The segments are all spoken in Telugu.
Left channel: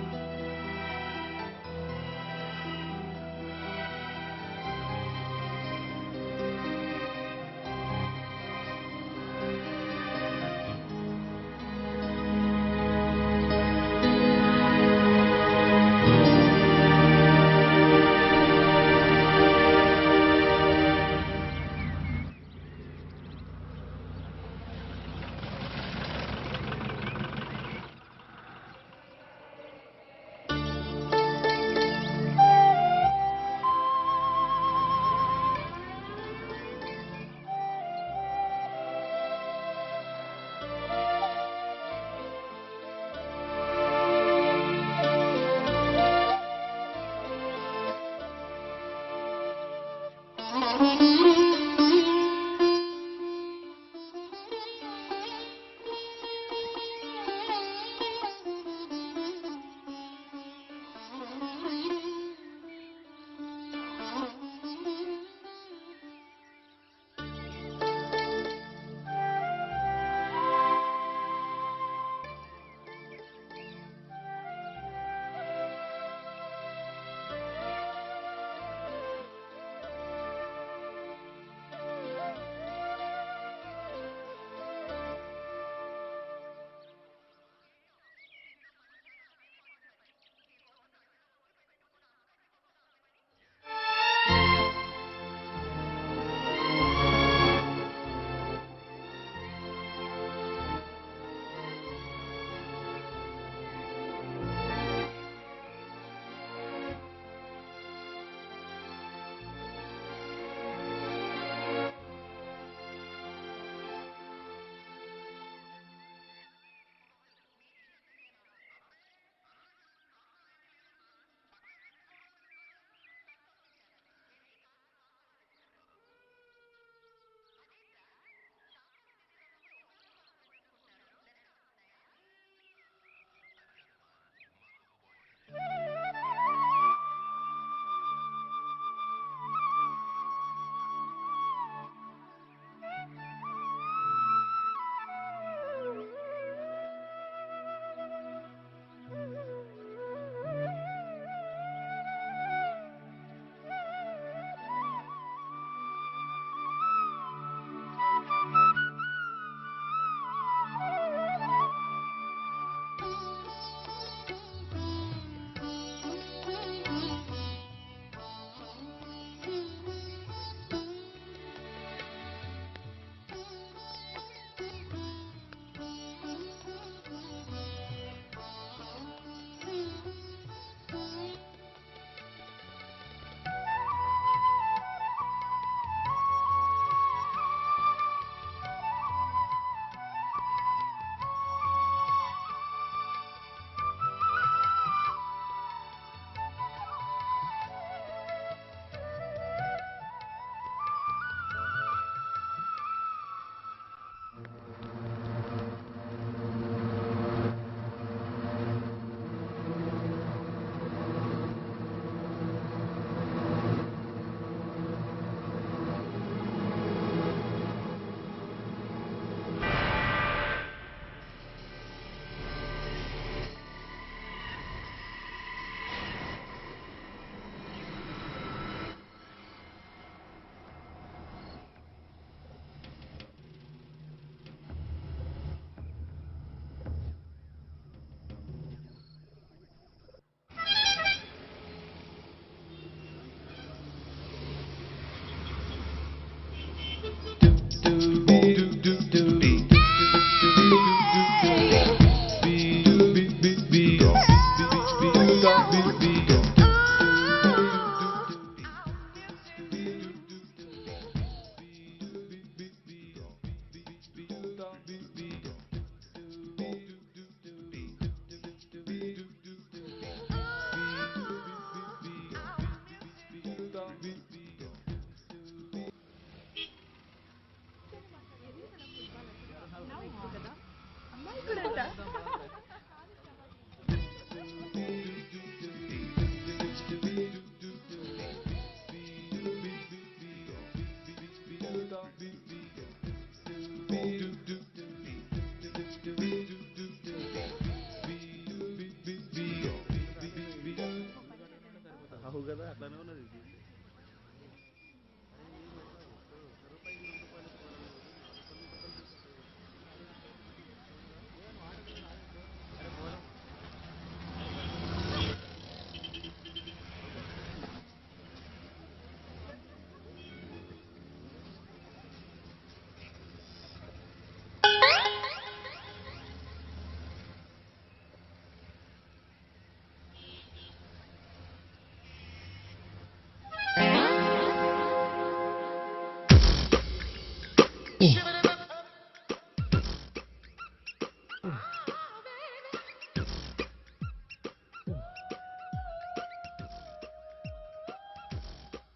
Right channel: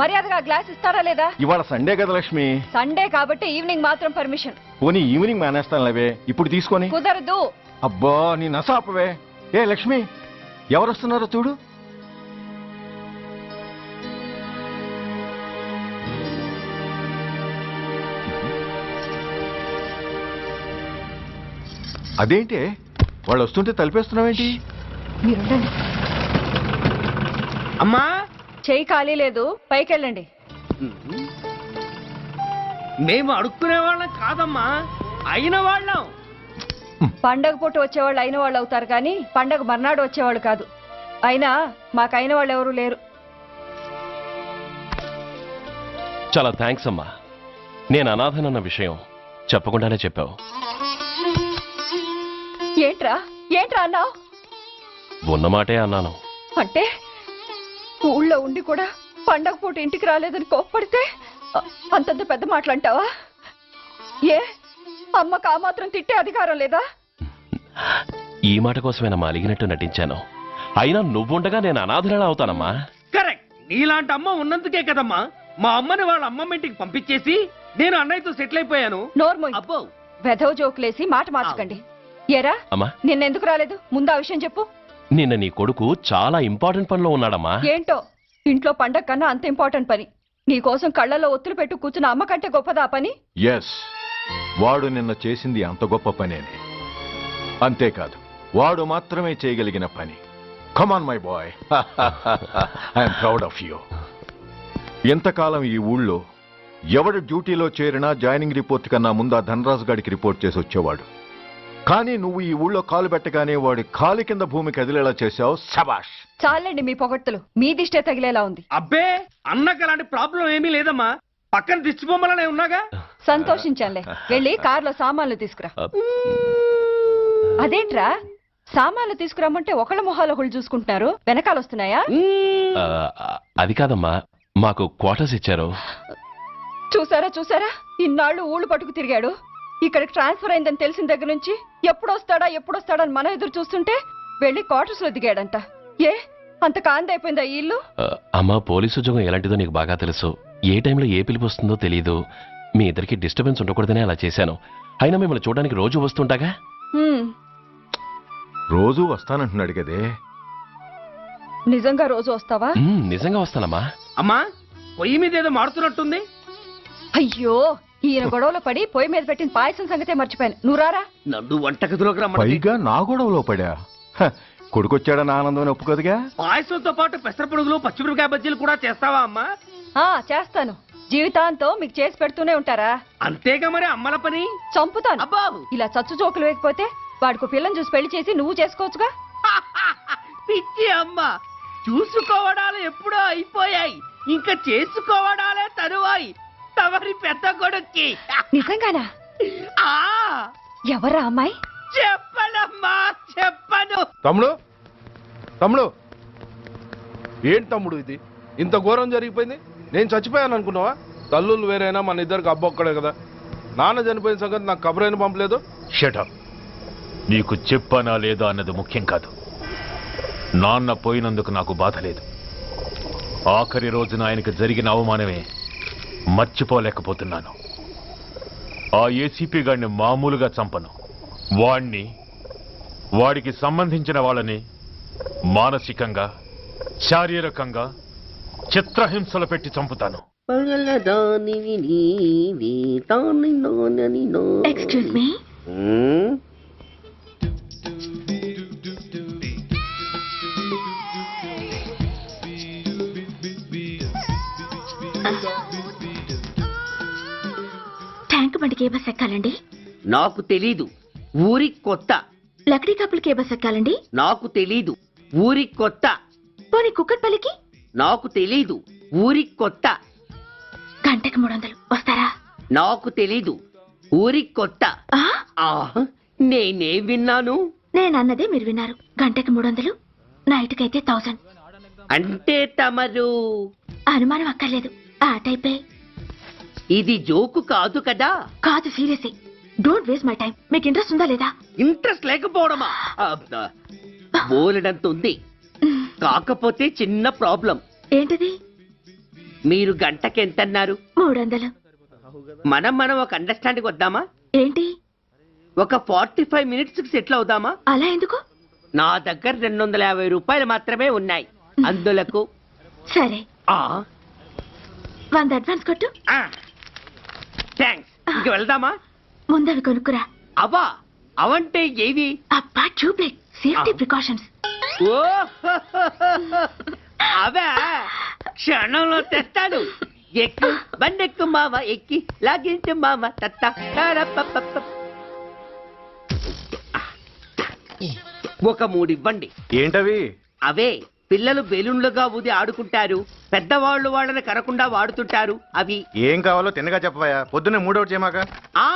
మర్యాదగా గ్లాస్ ఇస్తారా లేదా? ఇవాళ సండే కదా లక్ష్మి. సండే కాబట్టి ఈవినింగ్ మాత్రం పర్మిషన్. పోనీ ఈవినింగ్ మానేస్తాను లేవే, ఇప్పుడు తీసుకొని. కుదరదు. అబ్బా నీ నసాపవే. ఏ లక్ష్మి, ఎవరు వస్తున్నారో చూడు. అదేంటి వాళ్ళు వస్తుంటే తలిపేస్తున్నావేంటి? మీరుండండి. అమ్మా చెయ్యి ఖాళీ లేదు, పైకి వెళ్ళండి. మేము అడుక్కునే వాళ్ళం కాదమ్మా, అయిన వాళ్ళం. పండగ పూట వచ్చేవాళ్ళు అయిన వాళ్ళు అవుతారు కానీ పండగ మర్నాడు వచ్చేవాళ్ళు కాదు. అయినా మాకు అయిన వాళ్ళు ఎవరు లేరు. చాలా థ్యాంక్స్ అమ్మా. నేను అనాథనన్న విషయం చెప్పకుండానే చెప్పావు. ఏంట్రా ఏంట్రా అన్నావు? ఉన్నమాటే అన్నాను. అంటే ఊళ్ళో ఉండి కూడా పండగ పూట ఇంటికి రాలేదని కోప్పడితే అంతంత పెద్ద మాటలంటావా? ఏ అమ్మకు ఆ మాత్రం తిట్టే అధికారం లేదా? ఈ మాట కోసమేనమ్మా అలిగినట్టు నటించాను. అయినా నువ్వుండగా నేను అనాథనలా అవుతానమ్మా. కరెక్ట్. నీలాంటి అమ్మ ఉన్నందుకే కదమ్మా మా అమ్మని వాళ్ళ అమ్మమ్మ ఇంటికి పంపించేసి నేను అన్నయ్యతో సెటిల్ అయిపోయాను. నోర్మోయ్, అబ్బో వెధవ జోకులేసి మాట మార్చకండి. ఏరా అమ్మా, నిన్నెందుకు రాలేదు? ముందు ఆ విషయం చెప్పు. నిన్న నీ కొడుకు చాలా ఇంపార్టెంట్ పనిలో ఉన్నాడమ్మా. ఏంటో ఇంట్లో పండగ కన్నా అంత ఇంపార్టెంట్ పని. నీకోసం కళ్ళల్లో ఒత్తులు పెట్టు కూర్చున్న అమ్మ కంటే గొప్పదా పని? ఎస్, వాడు నిన్న చేసింది అంత గొప్ప పనే. అంతేకాదు, వాడు మాత్రమే చేయగలిగిన పని. Come on my boy, I'm proud of you. ఎంతకాలం ఈ ఊళ్ళో ఎవడు డ్యూటీలో చేరినా జాయినింగ్ రిపోర్ట్ కన్నా ముందు ఆ ధనరాజు గారికి రిపోర్ట్ చేసి వచ్చేవాడు. కానీ నువ్వు ఈ ఊళ్ళో కాలు పెట్టగానే వాడి కాలు కింద భూమి కదిలేలా చేశావు. శబాష్. చాలండి మీ పొగడ్తలు, మీ దిష్టే తగిలేలా ఉంది. అబ్బే అన్నకు అలాంటి ప్రాబ్లం ఏమీ లేదమ్మా, పక్కన దిష్టి బొమ్మలనే ఉన్నాగా. సంతోషించాలే. వెళ్ళి కార్లో సామాన్లు తీసుకురా. అదేంట్రా సామాన్లు తీసుకురామంటే ఒకళ్ళ మొహాలు ఒకళ్ళు చూసుకుంటున్నారు, వెనకాల వస్తున్నాయా? అది కాదమ్మా, మాకు క్వార్టర్స్ ఇచ్చారు. చూసారా చూసారా, ఇన్నాళ్ళు ఊళ్ళు పట్టుకు తిరిగాడు. ఇక్కడికి ట్రాన్స్ఫర్ అయిందని తెలిసిన దగ్గర నుంచి ఎప్పుడొస్తాడా అని మనం ఎదురు చూస్తుంటే వెళ్ళి క్వార్టర్స్ లో దిగాడంట. ఏ అంత కాందైపోయిందా ఈ ఇల్లు? అమ్మా, పోలీసు ఉద్యోగం ఎలాంటిదో నీకు బాగా తెలుసు. ఏ టైంలో ఏ పిలుపు వస్తుందో తెలియదు. మీ ఇద్దరికి డిస్టర్బెన్స్ ఉండకూడదనే అలా చేశాను. అయినా మిమ్మల్ని చూడడానికి రోజు వస్తుంటాగా. రోజు వస్తానంటున్నాడు కదే. నిజంగా రోజు వస్తావా? నిజంగా వస్తానమ్మా. అమ్మా పొయ్యి మీద ఏదో మారుతున్నట్టుంది. అయ్యో, ఈయన గొడవలో పడి పొయ్యి మీద పెట్టిన పాయసం సంగతే మర్చిపోయాను. నువ్వు రారా? నన్ను వంటగదిలోకి రమ్మని. పైగా నా గొడవలో పడా. కొడుకొచ్చాడని ఆనందం ఒప్పుకోదుగా. పాయసంతో పాటు పెసరపొడుగులు పచ్చిమిరపకాయ బజ్జీలు కూడా చేస్తావా అమ్మా? చేస్తాను. జీవితాంతం మీకు చేసి పెడుతూనే ఉంటారా? అంతేగా మరి అమ్మల పని. చంపుతాను. అబ్బా ఇలా చచ్చు జోకులు వేయకపోతే వాడికి పిల్లని చూసి పెళ్లి చేసి నువ్వు చేసుకోవచ్చుగా. పిచ్చి అమ్మ, చూసుకోవడాలు ఎప్పుడో అయిపోయాయి, ఇంకా చేసుకోవడాలే తరువాయి. తమరి పెద్ద కొడుక్కి. నిజంగానా? ఎవరా అమ్మాయి? చెప్పనమ్మా, చెప్పను. తమ్ముడు ఏంటి తమ్ముడు ఇది? ఇంత ఘోరం జరిగిపోయింది. నేను చచ్చిపోయాను అనుకున్నావా? తల్లులు వేరైనా మన ఇద్దరికి అబ్బొక్కడే కదా. నాన్న చనిపోయిన సంగతి నాకు కబరైన పంపలేదు. షటప్. నీకు చెప్పనా లేదా అన్నది ముఖ్యం కాదు. నాన్న పోయినందుకు నాకు బాధ లేదు. ఆఖరి రోజున ఆయనకు జరిగిన అవమానమే మర్చిపోలేకపోతున్నాను. ఆ ఏసీపీ గాడిని మామూలుగా చంపను. వాడికి సంబంధించిన వాళ్ళని మానసికంగా, శారీరకంగా చిత్రహింసలు పెట్టి చంపుతాను. Excuse me. ట్యాంక్ బండికి ఏ బస్ ఎక్కాలండి? నాకు తెలీదు, ఊరి కొత్త. లక్డీ కప్పులకి ఏ బస్ ఎక్కాలండి? నాకు తెలీదు, ఊరి కొత్త. పోనీ కుక్కట్పల్లికి? నాకు తెలీదు, ఊరి కొత్త. గంటకి 300 వస్తారా? నాకు తెలీదు, ఊరి కొత్త. నేనే విన్నాను. నేనన్నదే మీరు విన్నారు. గంటకి 300, నైట్కైతే 1000. అంటే తమరు? అనుమానం అక్కర్లేదు, ఆ టైపే. ఇది జోకు కాదు కదా? కాదు, serious. Don't waste my time. మీకు ఇంట్రెస్ట్ ఉందా లేదా? ఇంట్రెస్ట్ లేకపోవడమా? బోలెడంత ఉంది. కాకపోతే చిన్న ప్రాబ్లం. ఏంటిది? మీరు గంటకి ఎంత అన్నారు? 300. మనం ఒక అండర్స్టాండింగ్ వద్దామా? ఏంటి? ఒక 45 మినిట్స్ కి సెటిల్ అవుదామా? అలా ఎందుకు? నా దగ్గర 250 రూపాయలు మాత్రమే ఉన్నాయి. అందులకు సరే, ఆ 100 అడ్వాన్స్ కొట్టు. థ్యాంక్స్. ఇంక వెళ్దామా? ముందవి కొనుక్కురా. అవా అవంటే ఏవి? అబ్బా, ట్యూబ్లైట్, సేఫ్టీ ప్రికాషన్స్. ఓ అవా క్షణంలో తెస్తాను. ఎక్కు బండెక్కు మామ, ఎక్కి లాగించు మామ. తత్త ఒక 3 ఇవ్వండి. ఏంటవి? అవే పిల్లలు బెలూన్లుగా ఊది ఆడుకుంటారు, పెద్దవాళ్ళు వాళ్ళని కరకుండా వాడుతుంటారు. అవి ఏం కావాలో తిన్నగా చెప్పవయ్యా. పొద్దున్నే మూడోటి చేయమాక. ఆ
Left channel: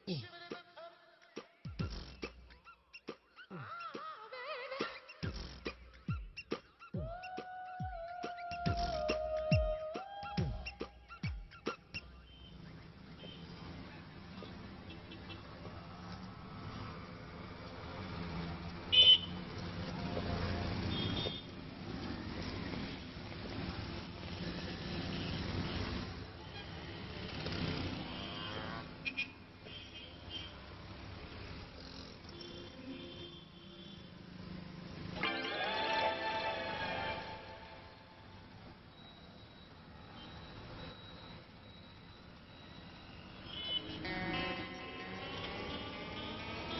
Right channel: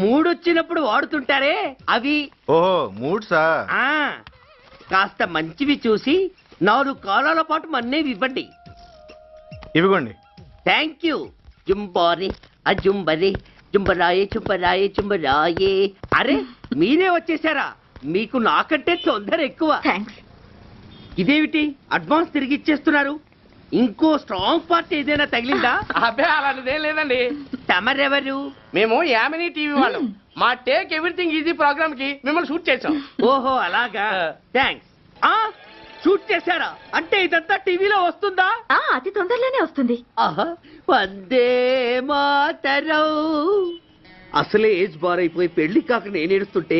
మూడొచ్చినప్పుడు వాడుతుంటారే అవి. ఓహో, మూడ్సా? ఆ కాస్త మంచివి చూసి 4 కాలాల పాటు మన్నేవి ఇవ్వండి. ఇవిగోండి. Thank you. జుంబారి అజుంబరి జుంబరాయే చుంబరాయే చుంబరాయే. అరే మీరే వచ్చేసారా? మీకు నాకంటే తొందర ఎక్కువ. థ్యాంక్స్. ఇదేమిటి అడ్వాన్స్ తిరిగి ఇచ్చేస్తున్నారు? ఇంకో స్ట్రాంగ్ పార్ట్ ఏదైనా తగిలిందా? అబ్బే అలాంటిదేం లేదండి. తమరెవరు? మేము యామినీ టీవీ వాళ్ళం. మా టేక్ ఎవ్రీథింగ్ ఈజీ ప్రోగ్రామ్ కి మిమ్మల్ని షూట్ చేసాం. ఓహో అలాగా. థ్యాంక్స్. షూట్ చేశారా? అంటే ఇదంతా టీవీలో వస్తుందా? అతి తొందరలోనే వస్తుంది. ఆహా, వందే మాతరం. అసలే ఏజ్ బార్ అయిపోయి పెళ్లి కాక నేను ఏడుస్తుంటే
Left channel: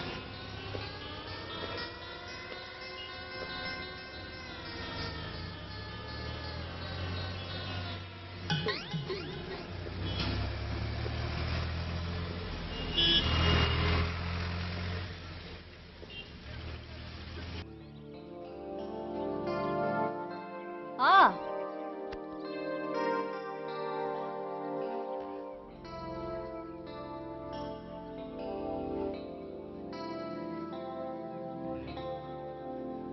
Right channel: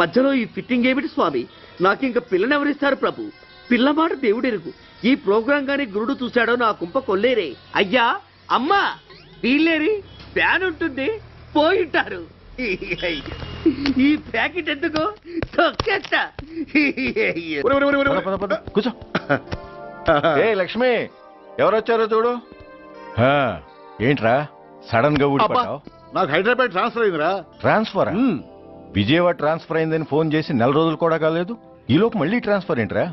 మధ్యలో ఈ ఫిట్టింగ్ ఏమిటి స్వామి? నాకింక పిల్లనెవరిస్తారు ప్రభు? పిల్లమాట దేవుడెరుగు. ఈ ప్రోగ్రాం గాని గురుడు చూశాడో నా కుంప కొల్లేరే. అయ్యా అమ్మా వీళ్ళేరి ఫ్యాన్ ఉంటుంది పోయింటారు. ఈ ప్యాకెట్ ఎందుకు తొక్కేస్తా. కూర్చో. ఏ లక్ష్మి, ఎవరొచ్చారో చూడు. ఏంట్రా సడన్ గా ఊడిపడ్డావు? నాకు హైదరాబాద్ ట్రాన్స్ఫర్ అయిందిరా. ట్రాన్స్ఫర్? విజయవాడ ట్రాన్స్ఫర్ అయిందని ఫోన్ చేసి 4 రోజులు కూడా కాలేదు. ఈలోపు మళ్ళీ ట్రాన్స్ఫర్ ఏంట్రా?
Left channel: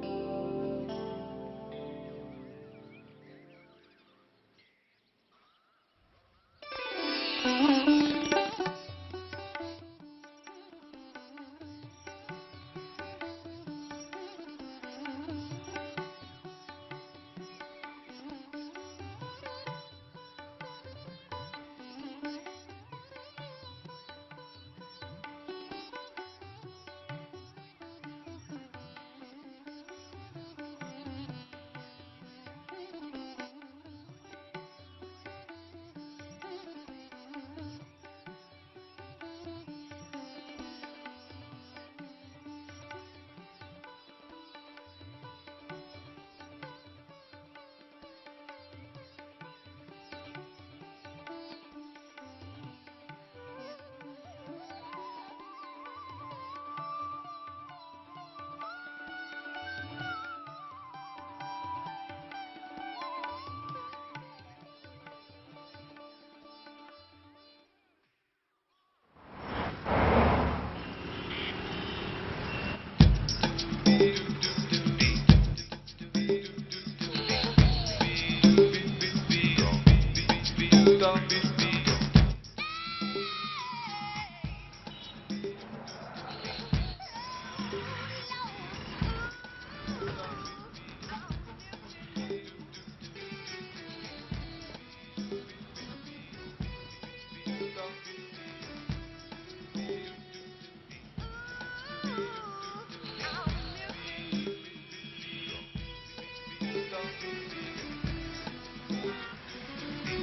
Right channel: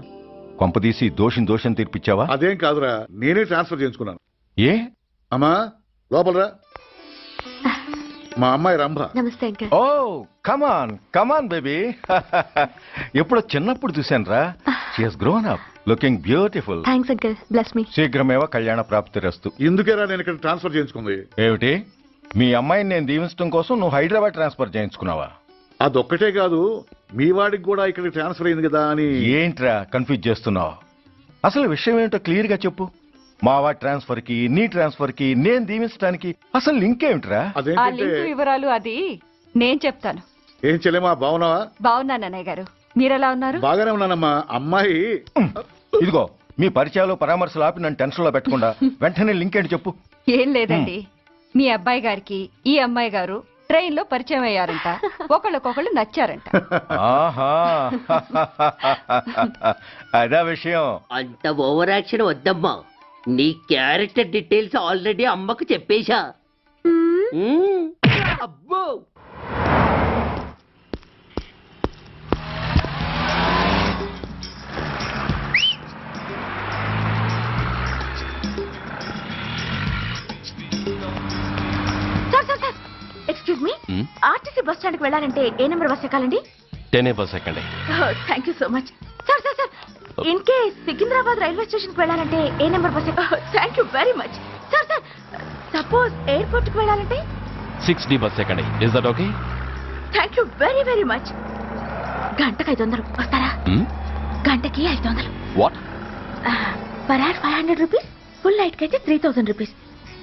కొంపదీసి దోషం తీర్పిచ్చావా? అదేం కాదురా, నేనే ట్రాన్స్ఫర్ చేయించుకున్నాను. ఏ? అమ్మా లోపలరా. మా అమ్మాయి రంభ. నమస్తే అంకల్. ఓ కమాన్ బేబీ. ఎప్పుడో చిన్నప్పుడు చూశాను రా. She has grown up, looking beautiful. Thanks uncle, bless me. శీఘ్రమేవ కళ్యాణ ప్రాప్తిరస్తు. ఇందుకేరా నేను ఇక్కడ ట్రాన్స్ఫర్ చేయించుకుంది. ఏమిటి, మీ అమ్మాయిని నేను దీవించడం కోసం నువ్వు హైదరాబాద్ ట్రాన్స్ఫర్ చేయించుకున్నావా? అదొక్కటే కాదు, మీ వాడికి కూడా ఇక్కడ ట్రాన్స్ఫర్ అయింది కదా అని. ఏంట్రా కన్ఫ్యూజ్ చేస్తున్నావు? అసలు విషయం ఏంటో క్లియర్ గా చెప్పు. మా వాడి ట్రాన్స్ఫర్ కి నీ ట్రాన్స్ఫర్ కి నేను దీవించడానికి అసలు లింక్ ఏమిట్రా? ఆ అదేంటంటే లింక్ వివరాలు అది నేను చెప్తాను. ఏం చెల్లెమా, బాగున్నావా? బాగున్నాను అన్నయ్య గారు, మీరెలా ఉన్నారు? బాగానే ఉన్నానమ్మా. అమ్మాయి ఇదిగో మీ పరిచయాలు పరామర్శలు ఆపి నన్ను టెన్షన్ లో పెట్టకుండా వెంటనే లింక్ ఏంటి చెప్పు. ఏం లేదండి, మీ అబ్బాయి గారికి ఈ అమ్మాయి గారు ట్రైన్ లో పరిచయం అయ్యారంట. ఒకళ్ళకొకళ్ళు నచ్చారంట. ఆహా, అదా విషయం. అంత ఓవర్ యాక్షన్ వద్దమ్మా. నీ క్యారెక్టర్ డీటెయిల్స్ ఆల్రెడీ అమ్మకు చెప్పేశా. అబ్బో excuse me, RTC bus stand కి వెళ్ళాలంటే ఏ నెంబర్ బస్ ఎక్కాలండి? 10 బస్ ఎక్కండి. Thank you so much. Sir in case Secunderabad railway station కి వెళ్ళాలంటే ఏ నెంబర్ బస్ ఎక్కాలి? Thank you very much. Sir suppose airport కి వెళ్ళాలంటే 6D బస్ ఎక్కండి. Is that okay? Thank you very very much. గంటకి 500 వస్తారా? గంటకి 500. What? Per hour 500 rupees, full night కి అయితే 3000 రూపీస్.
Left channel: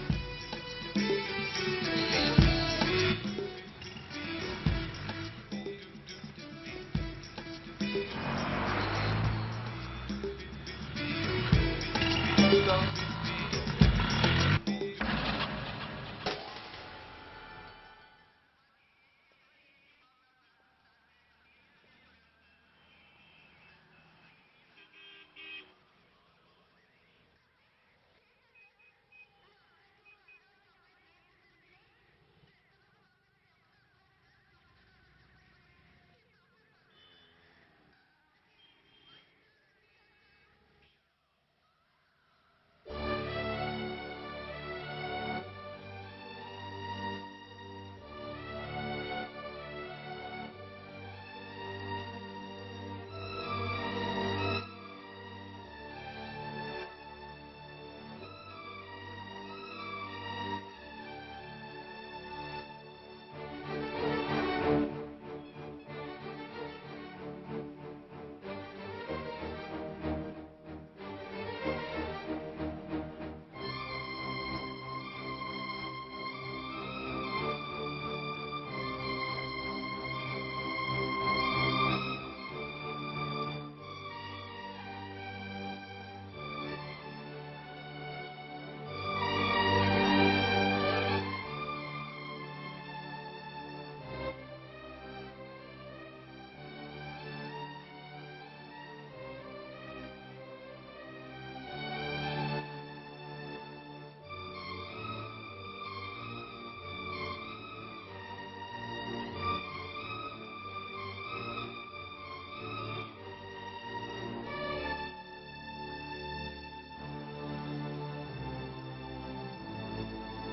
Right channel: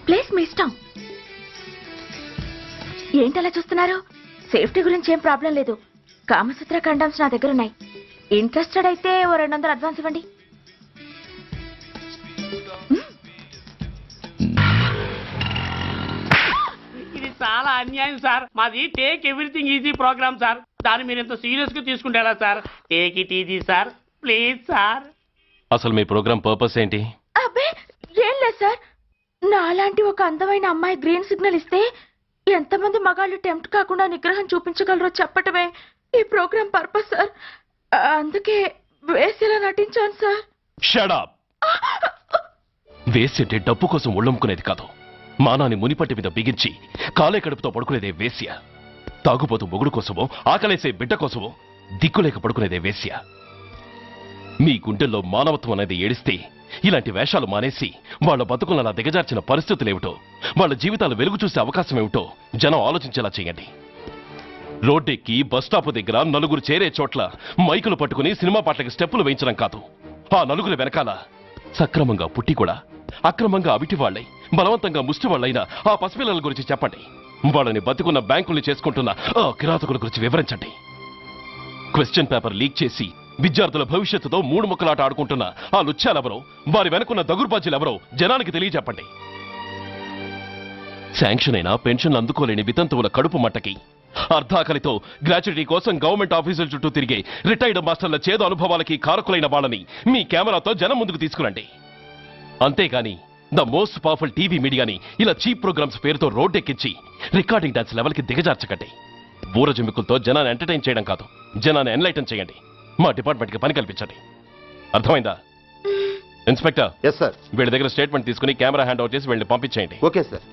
ప్లేస్ మీ ఇష్టం. ఏంటలా చూస్తున్నారు? సేఫ్టీ గురించి ఏం ప్రాబ్లం లేదు. కామసూత్ర కండమ్స్ నా దగ్గర ఉన్నాయి. ఇంట్రెస్టెడ్ అయితే ఓ 200 అడ్వాన్స్ ఇవ్వండి. ఇది చాలా అన్యాయం సార్. మాది take everything easy program sir. దాన్ని మీరు ఎంత సీరియస్ గా తీసుకుంటారా sir? Take it easy sir, please sir. అసలు మీ ప్రోగ్రామ్ పర్పస్ ఏంటి? అబ్బే ఏం లేదు సార్. నాలాంటి ఒక అందమైన అమ్మాయి గ్రీన్ సిగ్నల్ ఇస్తే ఎంతమంది మగాళ్ళు టెంప్ట్ కాకుండా నిగ్రహం చూపించగలరో చెప్పటమే ఈ ప్రోగ్రామ్ పర్పస్ సార్. అందుకే వేసేలా నటించాను సార్. Shut up. వేసేటే డబ్బు కోసం ఒళ్ళమ్ముకునేది కాదు. మానాన్ని మునిపట్టి మీద బిగించి కాలే కడుపుతో పడుకునేదే వేశ్య. తాగుపోతూ మొగుడు కోసమో ఆకలేసే బిడ్డ కోసమో దిక్కులేక పడుకునేదే వేశ్య. మీ గుండెల్లో మానవత్వం అనేది ఏడిస్తే ఇలాంటి వేషాలు మానేసి వాళ్ళ బతుకులను అలా దిగజార్చిన పరిస్థితులేమిటో, వాళ్ళ జీవితాలు వెలుగు చూసే అవకాశం ఏమిటో జనం ఆలోచించేలా చేయండి. రోడ్డెక్కి బస్టాప్ దగ్గర నలుగురు చేరే చోట్ల మైకులు పట్టుకుని సినిమా పాటలకి స్టెప్పులు వేయించడం కాదు. ఆ నలుగురు వెనకాల సక్రమంగా పుట్టి కూడా అక్రమంగా అవిటి వాళ్ళై బలవంతంగా ముష్టి వాళ్ళైనా ఆ పసిపిల్లల గురించి చెప్పండి. వాళ్ళని బతుకున్న బ్యాంకుల్ని చేసుకుంటున్న ఆ కిరాతకుల గురించి వివరించండి. క్వశ్చన్ పేపర్ లీక్ చేసి విద్యార్థుల భవిష్యత్తుతో మూడు ముక్కలాట ఆడుకుంటున్న ఆ లుచ్చాలెవరో, వారి వెనుకున్న దగుర్బాజీలెవరో జనానికి తెలియజెప్పండి. శాంక్షన్ అయినా పెన్షన్లు అందుకోలేని వితంతువుల కడుపు మట్టకి, అర్ధాకలితో గ్రాట్యుటీ కోసం గవర్నమెంట్ ఆఫీసుల చుట్టూ తిరిగే రిటైర్డ్ మాస్టర్ల చేదు అనుభవాలకి కారకులైన వాళ్ళని మీ కెమెరాతో జనం ముందుకు తీసుకురండి. అంతేగాని ద మోస్ట్ పవర్ఫుల్ టీవీ మీడియాని ఇలా చీప్ ప్రోగ్రామ్స్ పేరుతో రోడ్డెక్కించి రికార్డింగ్ డాన్స్ లెవెల్కి దిగజార్చకండి. ఊరజమికులతో జనాన్ని ఎంటర్టైన్ చేయడం కాదు, జనాన్ని ఎన్లైటన్ చేయండి. మా డిపార్ట్మెంట్కి పని కల్పించండి. అర్థమైందా? Inspector, yes sir. వీళ్ళ దగ్గర స్టేట్మెంట్ తీసుకుని కెమెరా హ్యాండ్ అవుట్ చేసి వీళ్ళని పంపించేయండి. Okay sir.